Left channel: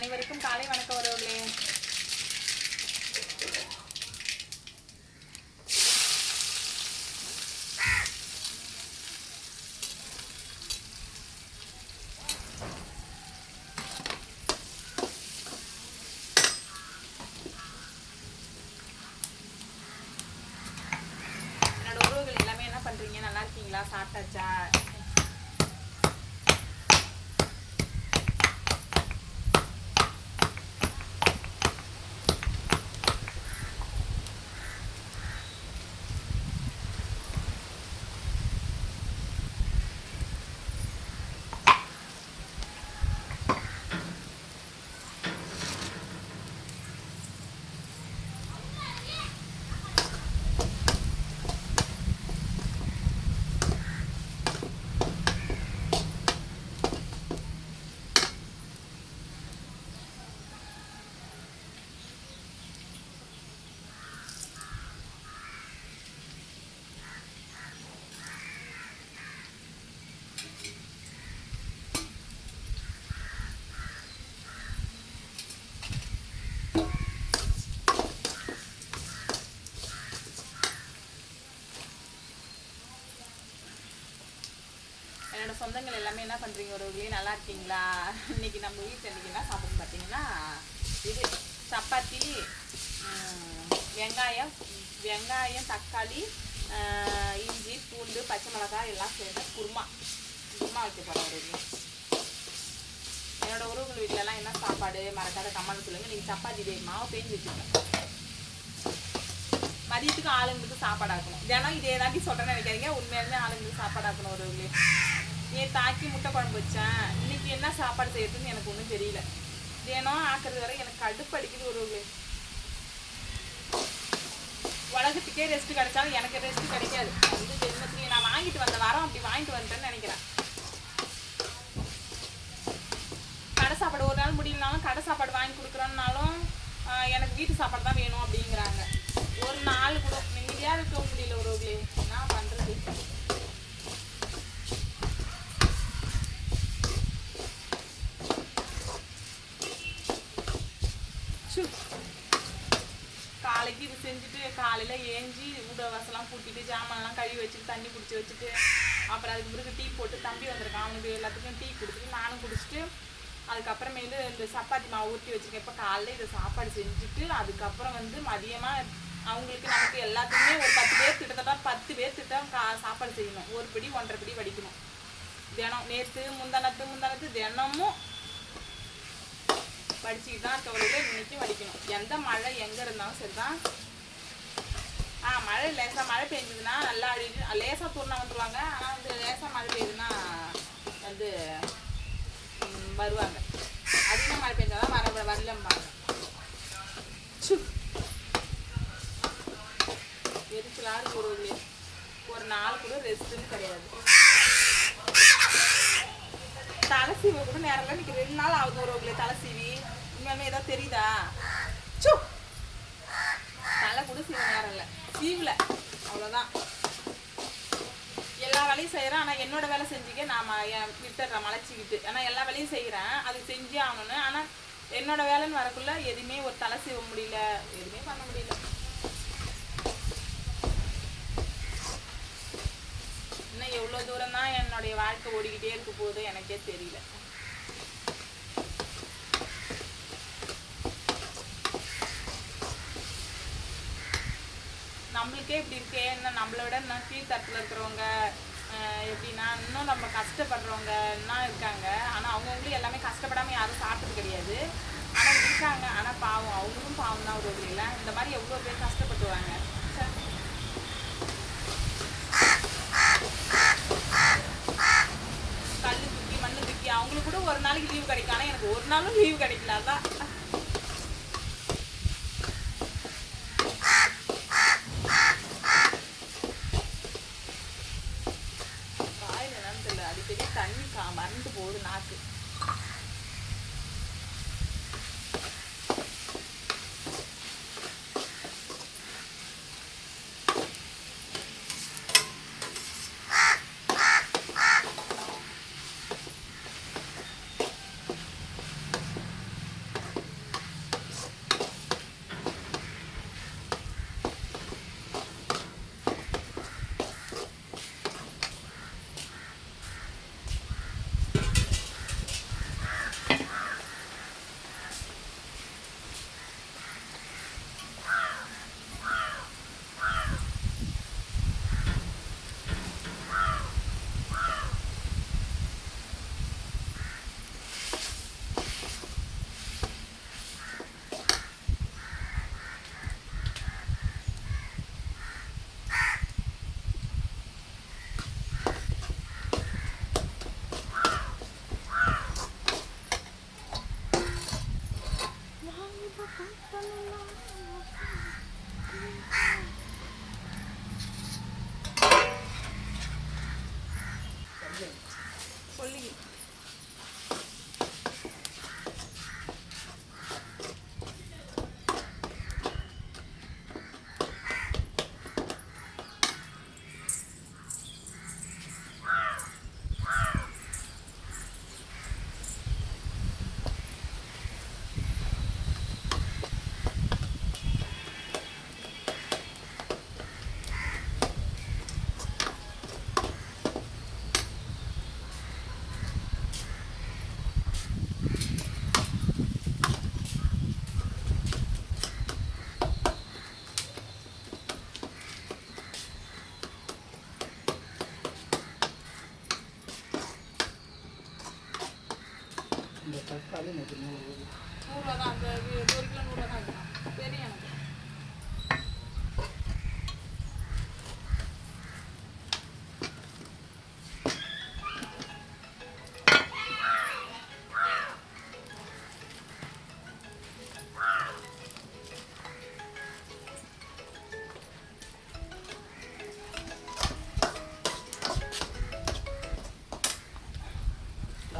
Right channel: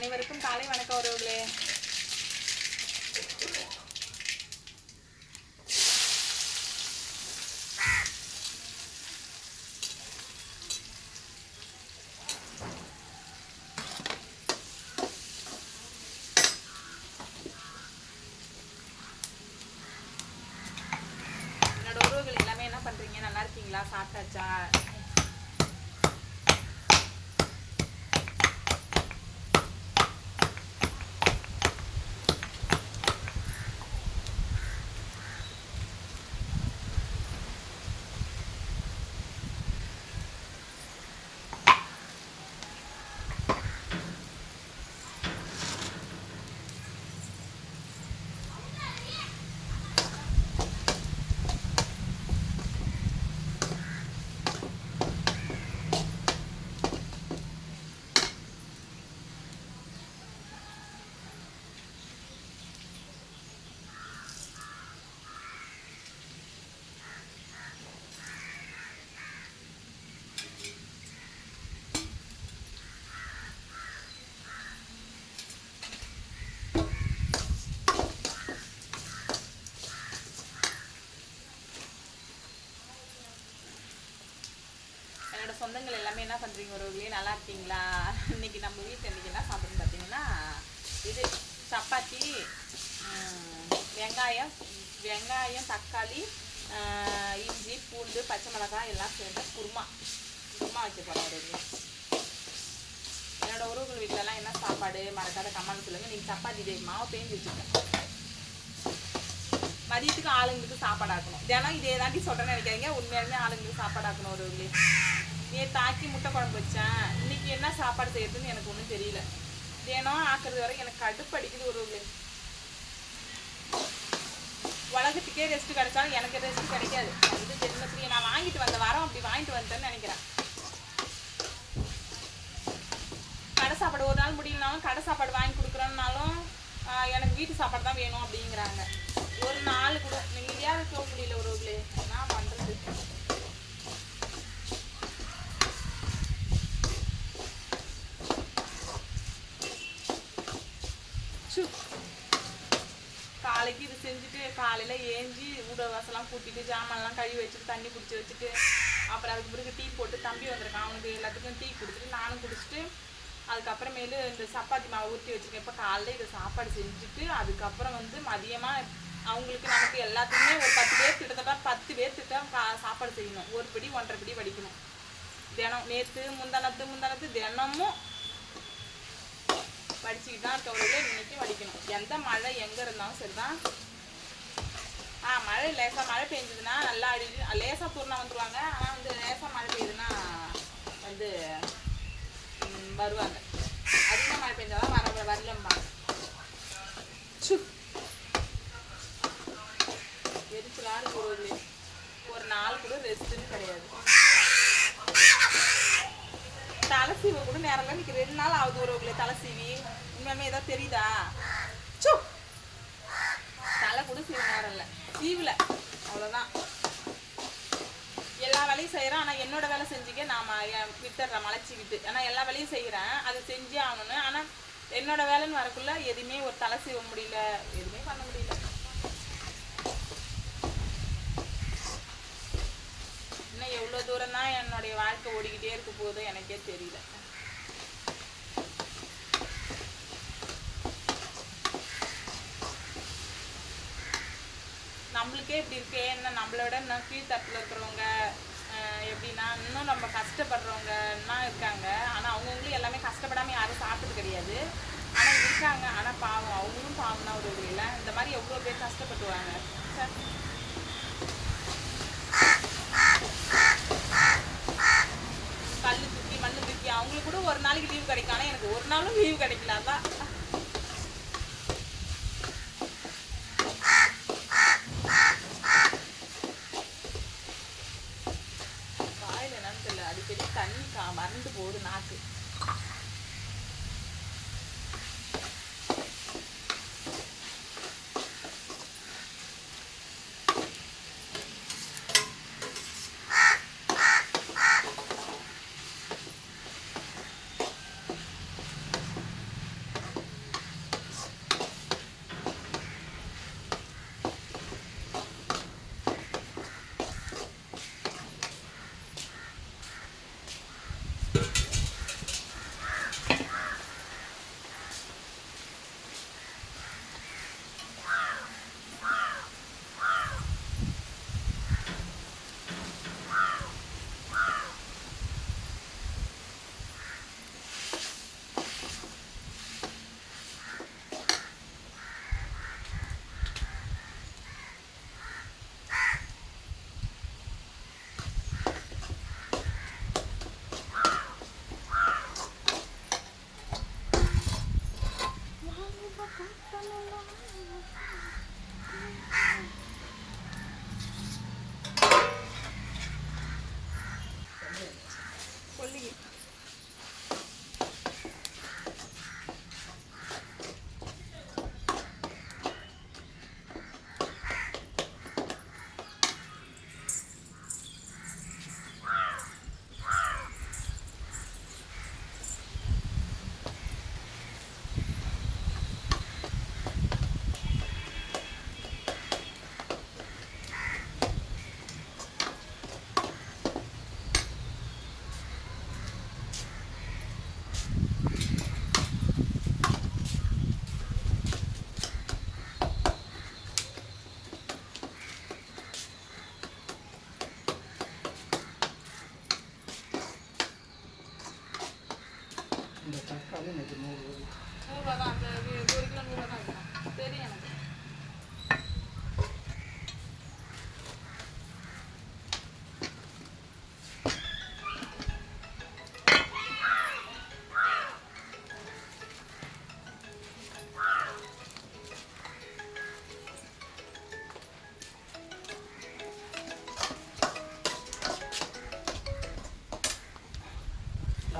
அனைவருக்கும் காலை வணக்கம் உறவுகளே. என்னோட உறவுகள் எல்லாமே என்ன பண்றீங்க? நல்லா இருக்கீங்களா? சாப்பிட்டாச்சா என்னோட சொந்தங்கள் எல்லாமே என்ன பண்றீங்க உறவுகளே? நல்லா இருக்கீங்களா? இன்னைக்கு நம்ம வீட்டில் இன்னைக்கு என்ன சாப்பிடுன்னு பார்த்தீங்கன்னா இது சப்பாத்தி வெங்காயம் வெங்காயம் தக்காளி இஞ்சி பூண்டு பச்சை மிளகாய் எல்லாம் சேர்ந்த குருமா. குருமா வைக்க போகிறோம் உறவுகளே. என்னோட உறவுகள் வீட்டிலலாம் என்ன சாப்பாடு? மறக்காத கம்மான்னு சொல்லுங்க. நீங்கள் சப்பாத்தி இதே மாவு பேஞ்சு வச்சுருக்கேன். மதியத்துக்கு ஆளுங்களுக்கு சாப்பாடு ஆக்கணும். தினம் இதே தாண்டி சொல்கிறேன்னு நினைக்காதீங்க. உண்மையாலுமே ஆளுங்களுக்கு சாப்பாடு ஆக்கணும் ஒருவர்களே நேற்று ஆக்கி முட்டை குழம்பு வச்சேன். இன்னைக்கு என்ன சாப்பாடு செய்யறதுன்னு எனக்கு ஒன்றும் தெரியல. தினம் ஆக்குறது வரை எனக்கு கடுப்பு அடிக்குது ஒருவர்களே உலகத்துக்கே ரெஸ்ட் கிடைச்சாலும் எனக்கு ரெஸ்ட் கிடைக்காது. வந்து ஜென்மத்துலேயே நான் வாங்கிட்டு வந்த வாரம் அப்படி வாங்கிட்டு வந்தேன்னு நினைக்கிறேன். கடை சாப்பாடு ஒரு நாள் முடியலனாலும் கடை சாப்பாடு வாங்கி கொடுக்குறோன்னாலும் எனக்கு வீட்டு சாப்பாடு தான் வேணும் அப்படிங்கிறாங்க. ஒரு நாள் கூட. நிம்மதியாக இருக்க முடியல ஒருவர்களே என்ன பண்ணுறது காலைக்கு இது செஞ்சுட்டு காலையில் ஏஞ்சி ஊட வாசலாம் கூட்டிட்டு ஜாமான்லாம் கழுவி வச்சுட்டு தண்ணி பிடிச்சி வச்சுட்டு அப்புறம் அதுக்கு பிறகு டீ போட்டு தம்பி வந்திருக்கான். அவனுக்கு எல்லாத்துக்கும் டீ கொடுத்துட்டு நானும் குடிச்சிட்டு அதுக்கப்புறமேலு இந்த சப்பாத்தி மாவு ஊற்றி வச்சுருக்கேன். இப்போ காலையில் இதை சாப்பாடு செஞ்சுட்டு அதுக்கப்புறம் வந்து மதியமாக அவங்களுக்கு நமக்கு எல்லாத்துக்குமே ஒரு பத்து பேர் கிட்டத்தட்ட பத்து பேர் திட்டம் கா சாப்பாடு செய்யணும். ஒரு பிடி ஒன்றரை பிடி வடிக்கணும். தினம் நேற்று முந்தானத்து முந்தானத்து தினமும் வடிச்சிக்கிட்டு தான் இருக்கவர்களே இன்னைக்கு வடிக்கணும் எந்த மழை எங்கே இருந்தாலும் சரிதான். ஆ மழை லேசாக மழை பெஞ்சதுன்னா நல்லா அடி லேசாக தூர்னா வந்துருவாங்க. ஆனால் வந்து லேசாக மழை பெய்யுதுன்னா வந்து வருவாங்க. அதிகமாக மழை பெஞ்சாதான் வர வரலம்பாங்க. சு. இருக்கு ஒரு ஒரு நாள் கூட ரெஸ்ட்டுன்னு கிடையாது. தலை சீவ கூட நேரம் இன்னைக்கு ரெண்டு நாள் ஆகுது உறவுகளே தலை சீவி உண்மையாலுமே ஏதாவது தெரியுதா? சு தலை கூட சீவ நேரம் இல்லை. சீவில். அவ்வளோதான் எல்லா வேலையும் செய்கிறேன் ஆனால் என்னோட வேலை செஞ்சுக்க நான் என் விட்டுறேன் மலைச்சிக்கிட்டு. ஆனால் எல்லா வேலையும் செய்கிறேன் அது செஞ்சே ஆகணும்னு. ஆனால் என்னோட வேலைன்னு வரக்குள்ள எதுவுமே ஒரு தலை சீவ முடியல. எதுவுமே பண்ண முடியல இன்னும் எவ்வளோ தூரம் தான் என்னுடைய வாழ்க்கை ஓடிக்கிட்டே இருக்க போகுதோ எனக்கே தெரியல. நம்மளுக்கே இப்படி இருக்கே இன்னும் நம்மளை விட இன்னும் கீழ்த்தட்டில் இருக்கிறவங்க எப்படின்னா இன்னும் நம்ம கஷ்டப்படுறவங்க இருக்காங்க. ஆனால் அவங்கவுங்களும் எல்லாமே கஷ்டப்படாமல் யாரும் சாப்பிட்டது கிடையாது. ஆனால் இருக்காங்க. ஆனால் பாவம். அவங்களும் பாவம் தான் ஒரு இதில் இந்த மாதிரி எவ்வளோ பேர் கஷ்டப்பட்டுவாங்க? ஒரு நாளைக்கு லீவ் கிடைக்கும். ஆனால் எனக்கு ஒரு நாளும் லீவ் கிடைக்கல. அதான்.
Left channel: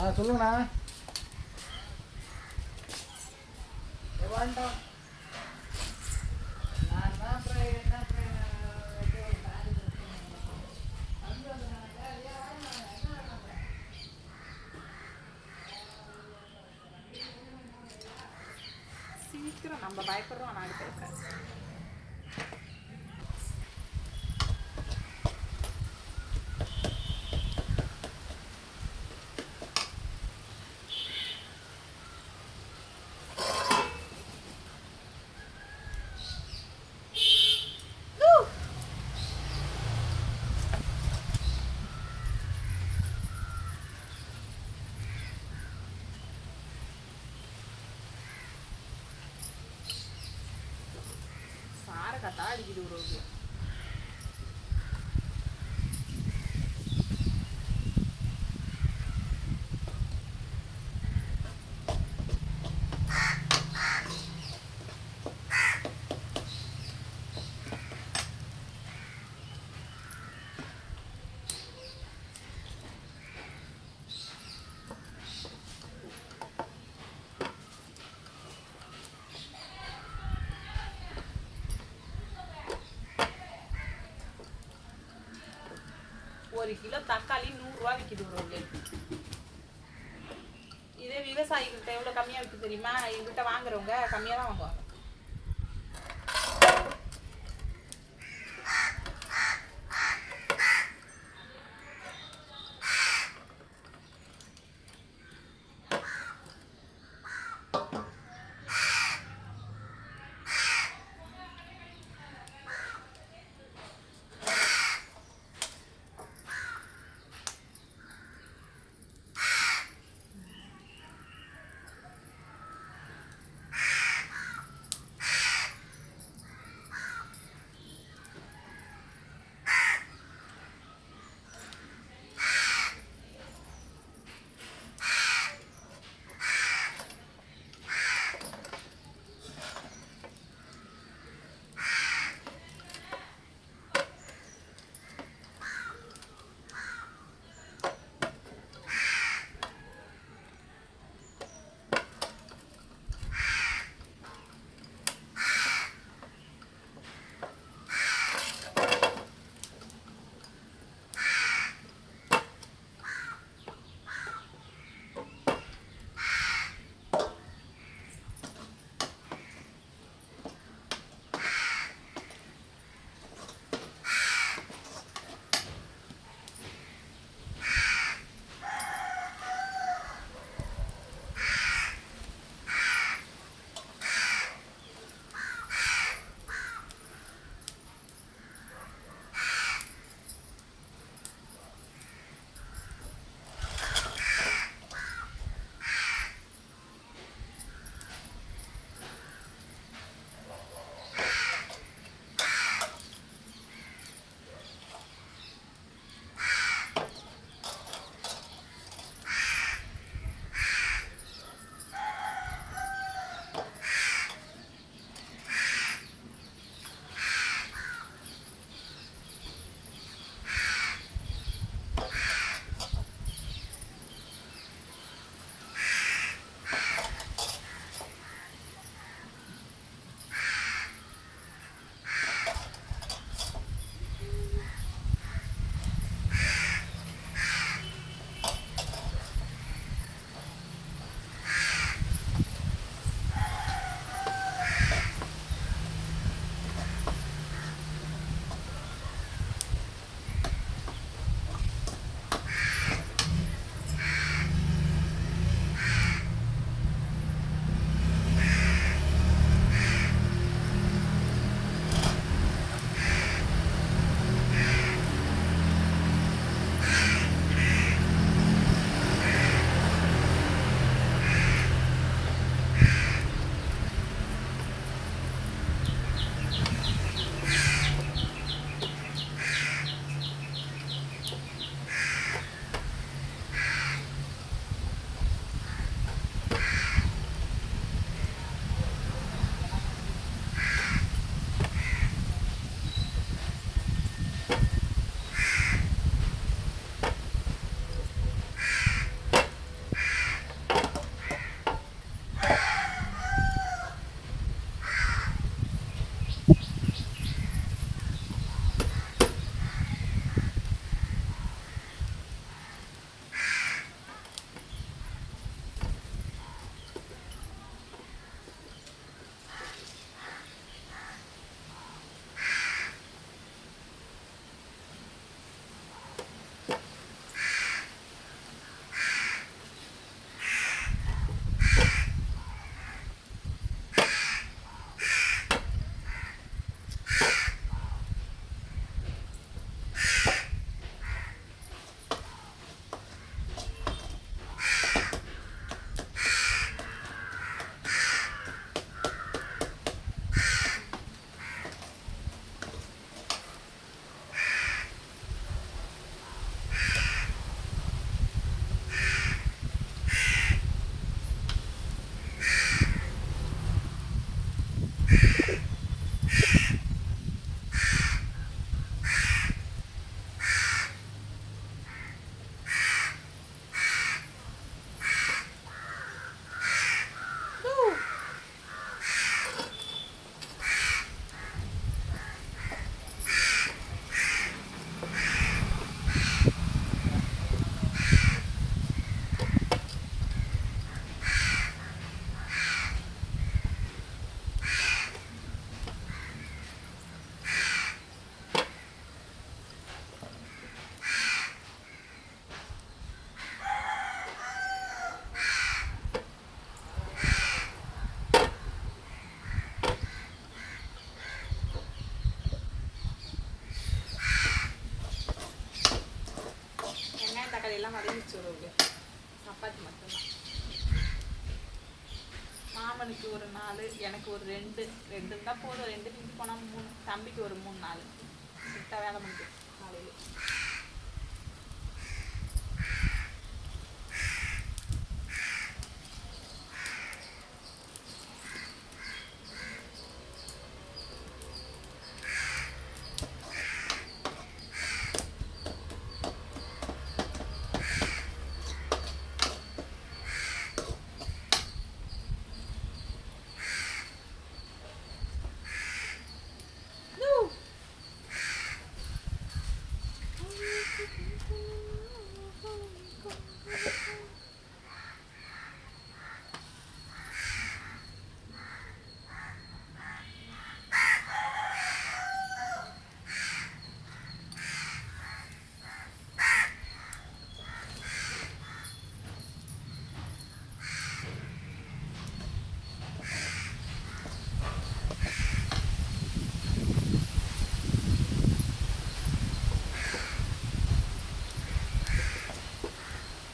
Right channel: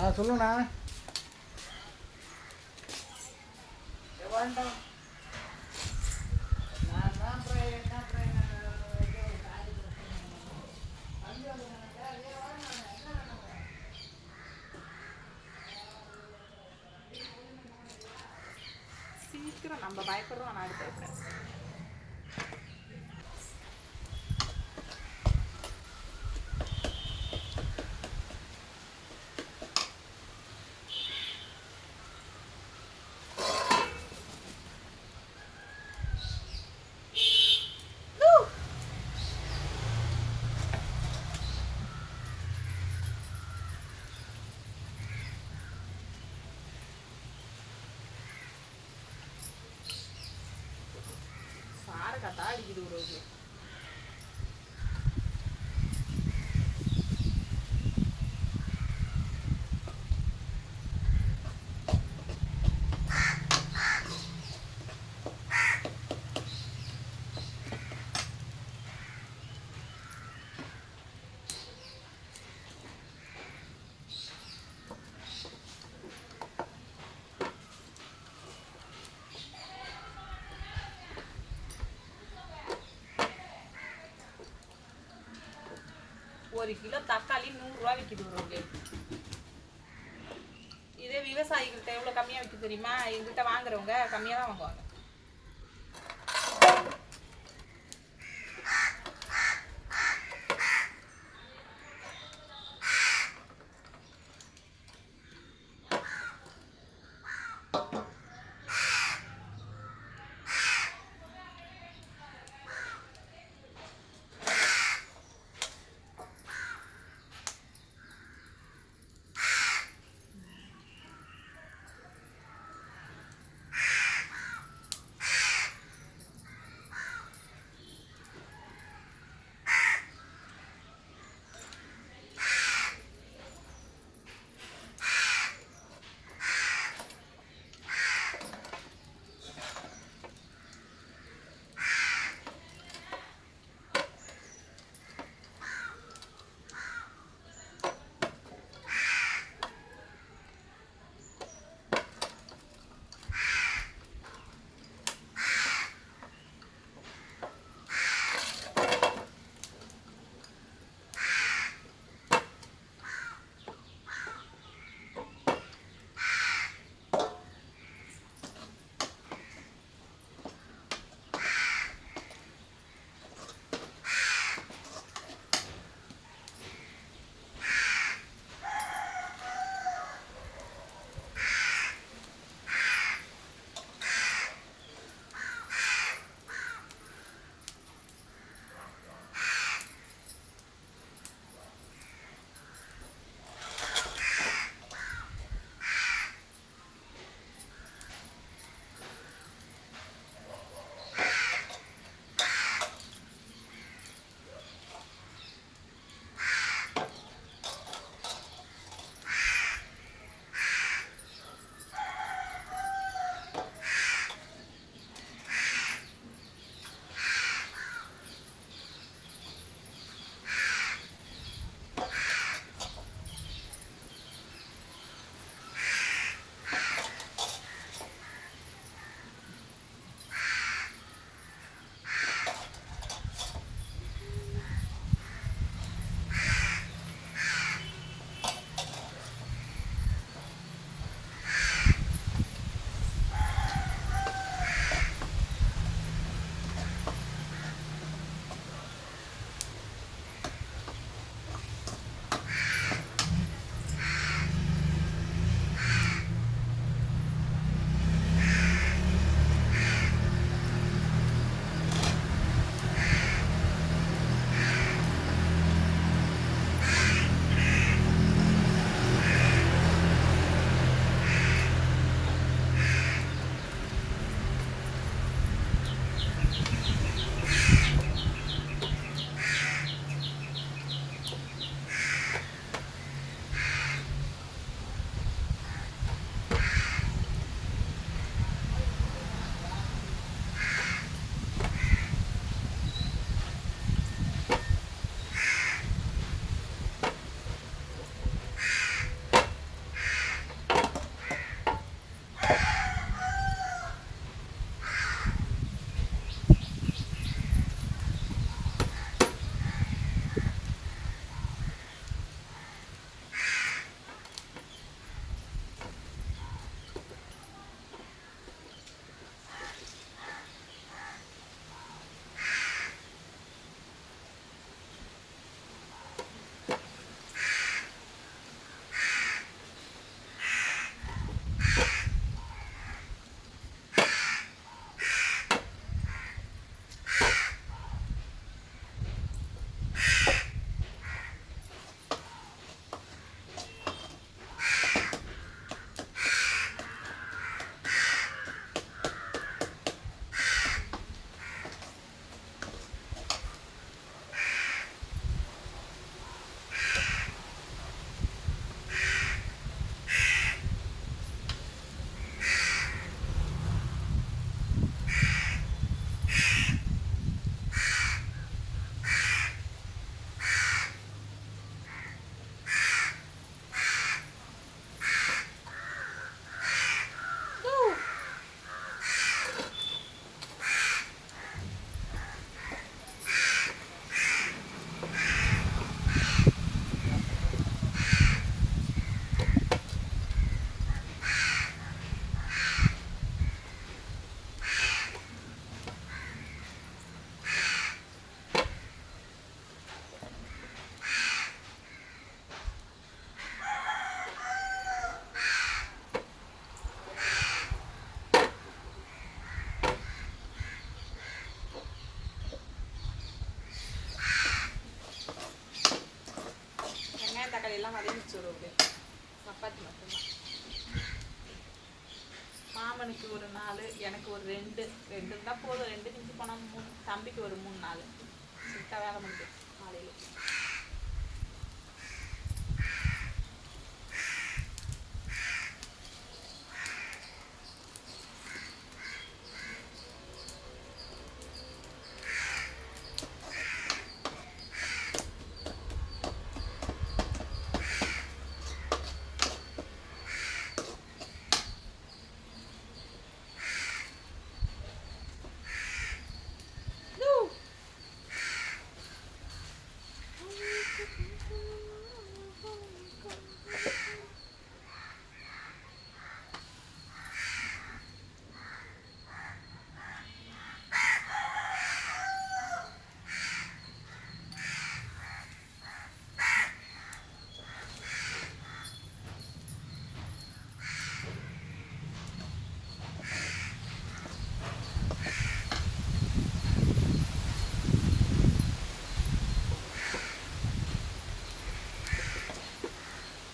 ஆ சொல்லுங்கண்ணா. வேண்டாம் நான் தான் அப்புறம் என்ன அப்புறம் ஏதோ ஒரு காரியத்துக்கு போனேன். வந்து அது நான் ஏன் வரணும்? என்ன வேணும்? சீக்கிரம் நம்ம பயப்படுறோம் நாடு பயப்படாது தாடிக்குது கத்தா உறவுக்கு ஒரு கிலோ தக்காளி நூறுரூவா விற்கிது உறவுக்கு இதே விவசாயிகள்கிட்ட எவ்வளோ கம்மியாக விற்க தெரியுமா? எங்கள்கிட்ட வாங்குறவங்க கம்மியாக தான் வாங்குவாங்க. எல்லாம் வதங்கிச்சு ஒரு சப்பாத்தி மட்டும்தான் மாமனுக்கு ஒரு நாலு எனக்கு ஒரு ரெண்டு ரெண்டு இருந்தால் போதும் ரெண்டு மிஞ்சி போனால் மூணு தம்பிக்கு ஒரு மூணு நாலு சுட்டாக வேலை முடியும் காலையில்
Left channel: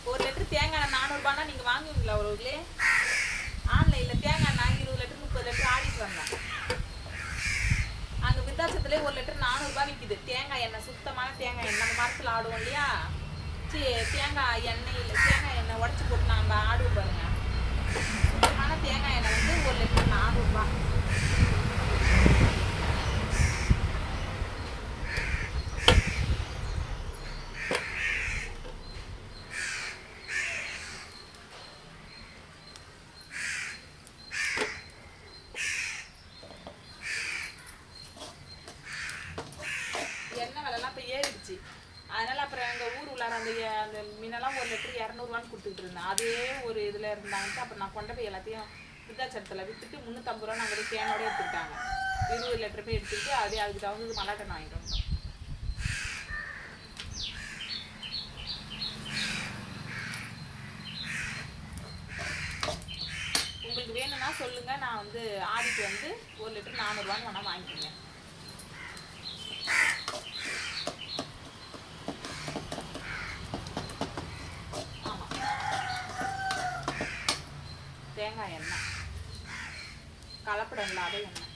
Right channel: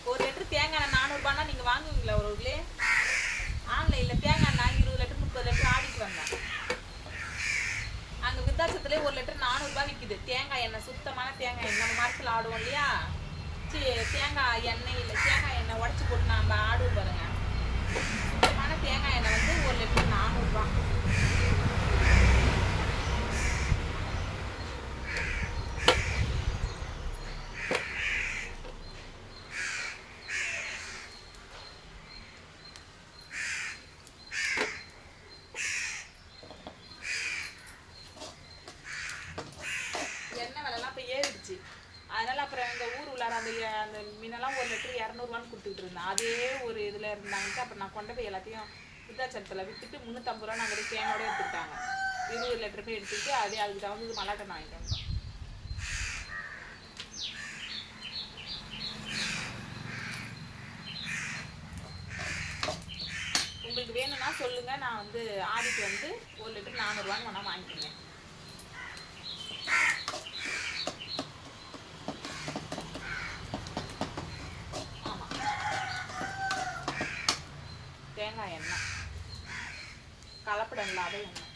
ஒரு லிட்டர் தேங்காய் எண்ணெய் நீங்கள் வாங்குவீங்களா ஒரு ஊர்லே? ஆன்லைனில் தேங்காய் எண்ணெய் இருபது லிட்டர் முப்பது லிட்டர் ஆடிட்டு வந்தேன். அங்கே விருத்தாச்சத்துலேயே ஒரு லிட்டர் நானூறுபா விற்கிது தேங்காய் எண்ணெய் சுத்தமான தேங்காய் எண்ணெய். நம்ம மரத்தில் ஆடுவோம் இல்லையா? சி தேங்காய் எண்ணெய் இல்லை தேங்காய் எண்ணெய் உடச்சி போட்டு நம்ம ஆடுவோம் பாருங்க. சுத்தமான தேங்காய் எண்ணெய் வந்து ஒரு லிட்டர் நானூறுபா எண்ணெய் விலைலாம் இப்போ ஏறிடுச்சு அதனால அப்புறம் எங்கள் ஊர் உள்ளார அந்த எ- அந்த மீனெல்லாம் ஒரு லிட்டர் இரநூறுவான்னு கொடுத்துக்கிட்டு இருந்தேன் அதே ஒரு இதில் இருந்தாங்கன்ட்டு அப்புறம் நான் கொண்டு போய் எல்லாத்தையும் விருத்தாச்சலத்தில் விற்றுட்டு முந்நூற்றம்பது ரூபா நாங்கள் கேனோட எடுத்துக்கிட்டாங்க. இருபது லிட்டர் போய் எடுத்துக்கிட்டு அதே அதுக்கு தகுந்தது மலாட்டை வாங்கிட்டு வந்தோம். உங்களுக்கு வேணும்னா சொல்லுங்கள் நான் வந்து ஆடிட்டு வந்து ஒரு லிட்டர் நானூறுவான்னு வேணால் வாங்கிக்கோங்க ஆமா தேங்காய் எண்ணெய் கலப்படம் இல்லாத எண்ணெய்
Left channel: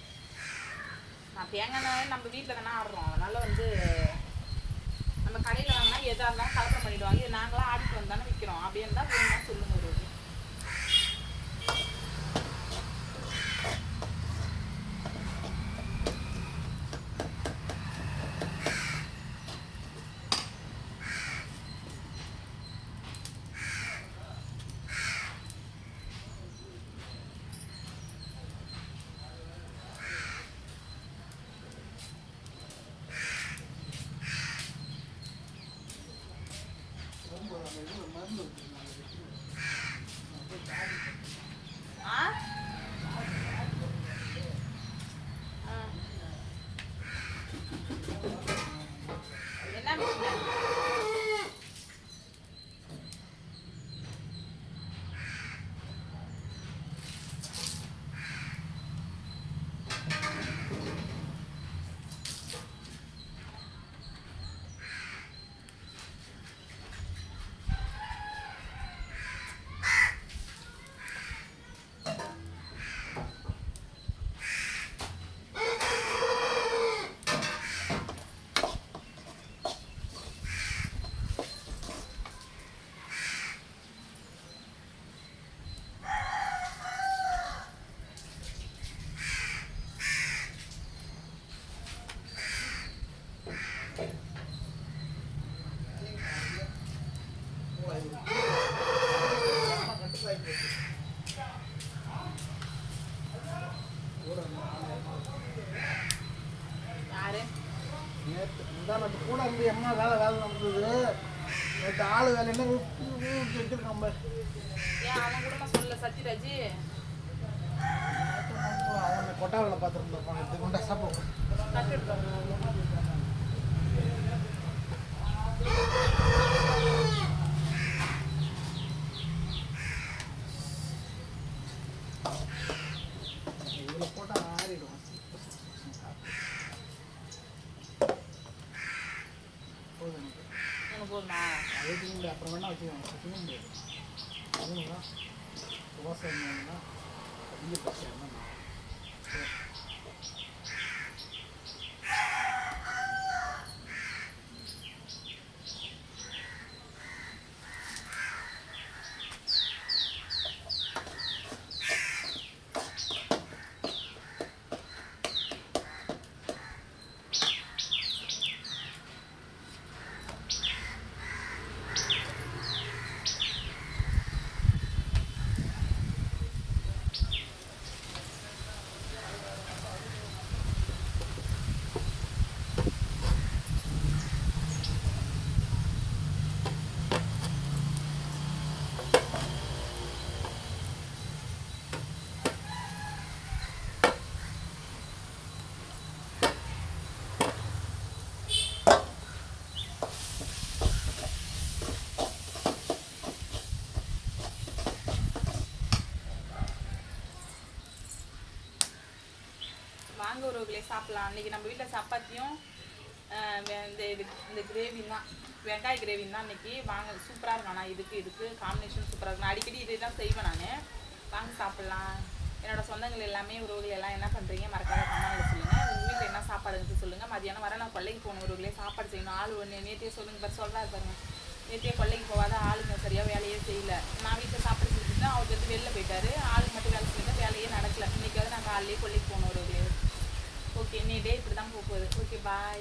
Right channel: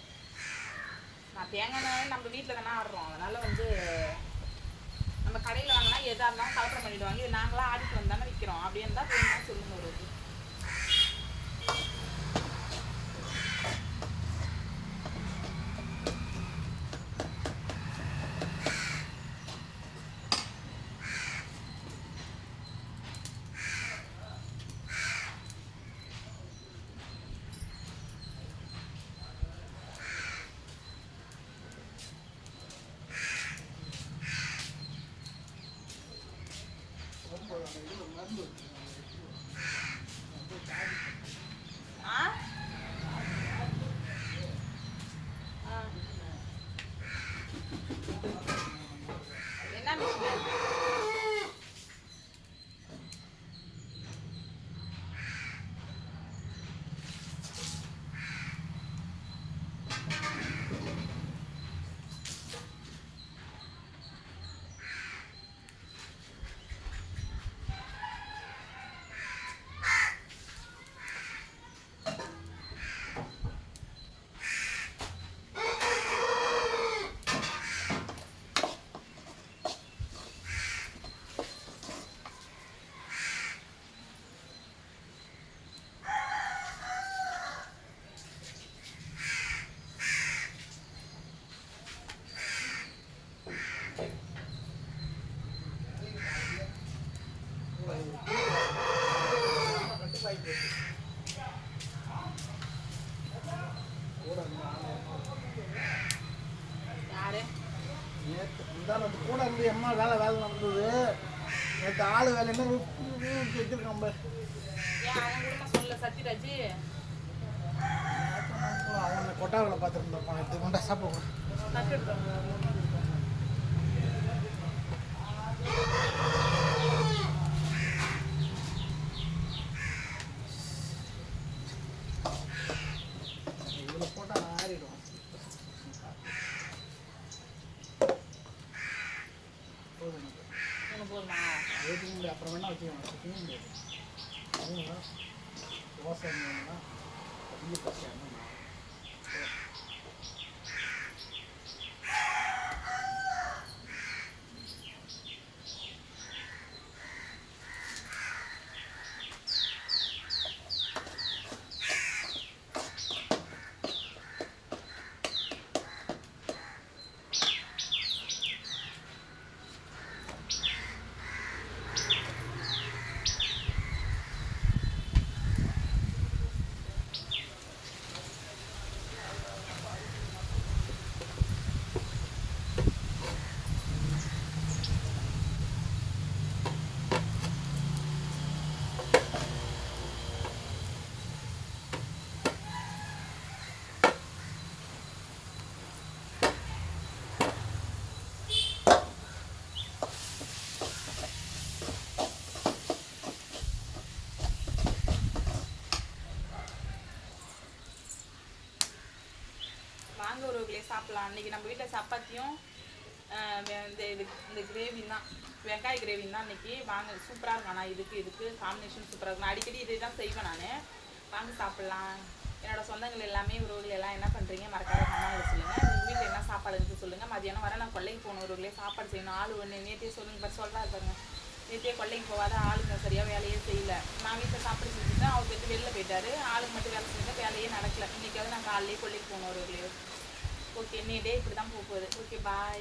நான் தேங்காய் எண்ணெய் நம்ம வீட்டில் தானே ஆடுறோம். அதனால வந்து நம்ம கடையில் வாங்கினா எதாக இருந்தாலும் கலப்படம் பண்ணிவிடுவாங்க இது நாங்களாம் ஆடிட்டு வந்தானே விற்கிறோம் அப்படி இருந்தால் வேணும்னா Thank you. இருந்து என்ன வேலை வேலை நடந்தது? நேற்று ஆள் வேலைன்னா வச்சிருக்கான் அவன் கூட சொல்ல சத்யராஜ்? அவனை கொட்டாவில் பார்த்துருந்தேன் நேற்று குண்டா சாப்பிடுவேன் தட்டு எடுத்து இதில் போட்டால் ஆறிடும் போதும் எனக்கு உனக்கு போதுமா அது வச்சுக்க முடியாது அப்புறம் வேணா. முடியாது தோசை அதிக பிரச்சனை. வாங்க உறவுகளே சாப்பிடலாம். அன்னைக்கு நம்ம வீட்டில் சப்பாத்தியும் இந்த இது இந்த கிரேவி தான். வெங்காய கிரேவி தான் இன்னைக்கு வாங்க சூப்பராக இருக்கும். ஆனால் இதுக்கு இதுக்கு காம்பினேஷன் சூப்பராக இருக்கும். நான் அடிக்கடி இதை தான் செய்வேன் நான். வாங்க சாப்பிட்லாம். என்னோட சொந்தங்கள் எல்லாமே உறவுகள் எல்லாம் என்ன பண்ணுறீங்க மறக்காத கமெண்ட்ல சொல்லுங்கள் உங்கள் வீட்டில் என்ன சாப்பாடுன்னு சொல்லுங்கள் மதியானம் வர நான் கொல்லைக்கு போகணும் உறவுகளே சாப்பாடு செய்யணும். ஆள் ஒன்று நேற்றே சொல்லுங்கள் பாரு சொல்கிறாரு பாருங்க. நேற்றே கொல்லைக்கு போகாத ஆளுங்க சரியாக வேலையே செய்யல. நான் வீட்டில் சாப்பாடு செஞ்சுட்டு அவர் வந்து வெளில போயிட்டாரு. ஆளுங்க மட்டும் வேலை செஞ்சுட்டு வேலையே நடக்கல. இன்னைக்காவது நான் காலையிலேயே கொல்லைக்கு போகணும் உறவுகளே. ஓகே இன்னைய டே இப்படி தான் போக போகுது. Okay bye